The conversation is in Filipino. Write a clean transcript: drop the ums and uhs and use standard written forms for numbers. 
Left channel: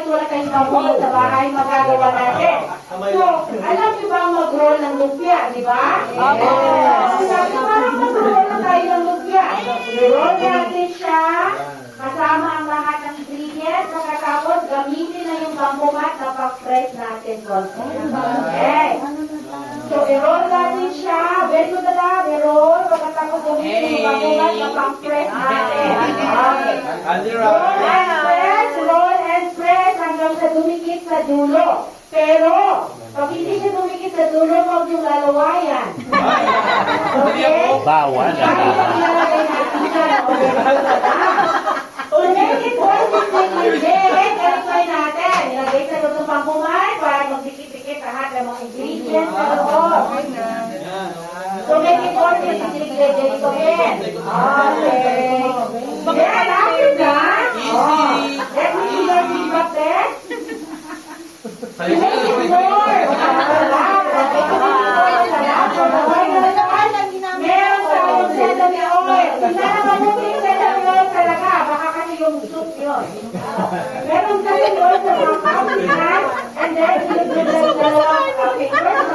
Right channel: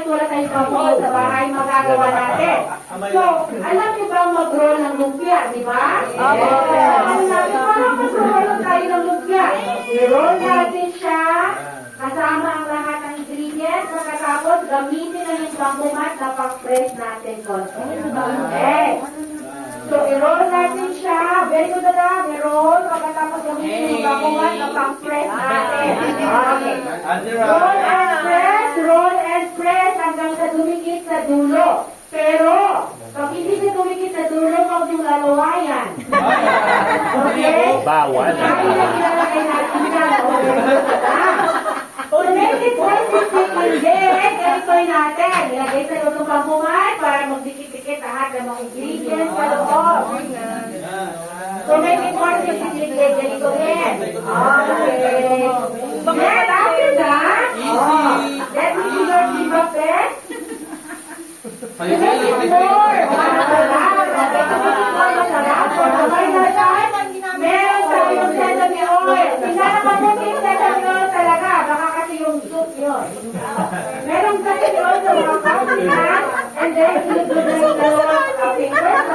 kahit wala tayong bambu sa bahay, magagawa natin. So, alam niyo ba mag-roll ng lumpia, di ba? Sabi, parang mag-roll na tayo ng lumpia. I-roll natin siya, kasama ang lahat ng ingredients, pagkatapos gamitin na yung bamboo mat na pag-press natin. Okay. So, i-roll natin siya. Very good na, i-roll. Pagkatapos gamitin yung bamboo mat na pag-press natin. Okay. Roll and press hanggang sa dumikit sa dulo. Pero, pag hindi siya dumikit sa dulo, huwag yung lalawayan. Okay? Bawal. Ilalagay natin yan. To make it consistent, ganito natin. Ilagay sa loob ng pampuman para magdikit-dikit lahat ng mga ingredients sa loob. To make it consistent, ganito rin. Okay. Then, after that, let me see your feedback then. Meron tayong sesame oil. Tingnan naman natin yung sesame oil talaga. Baka kasi yung soup yun. Meron tayong oil sa mga kapit. And then, ilagay na yung dalawang finger.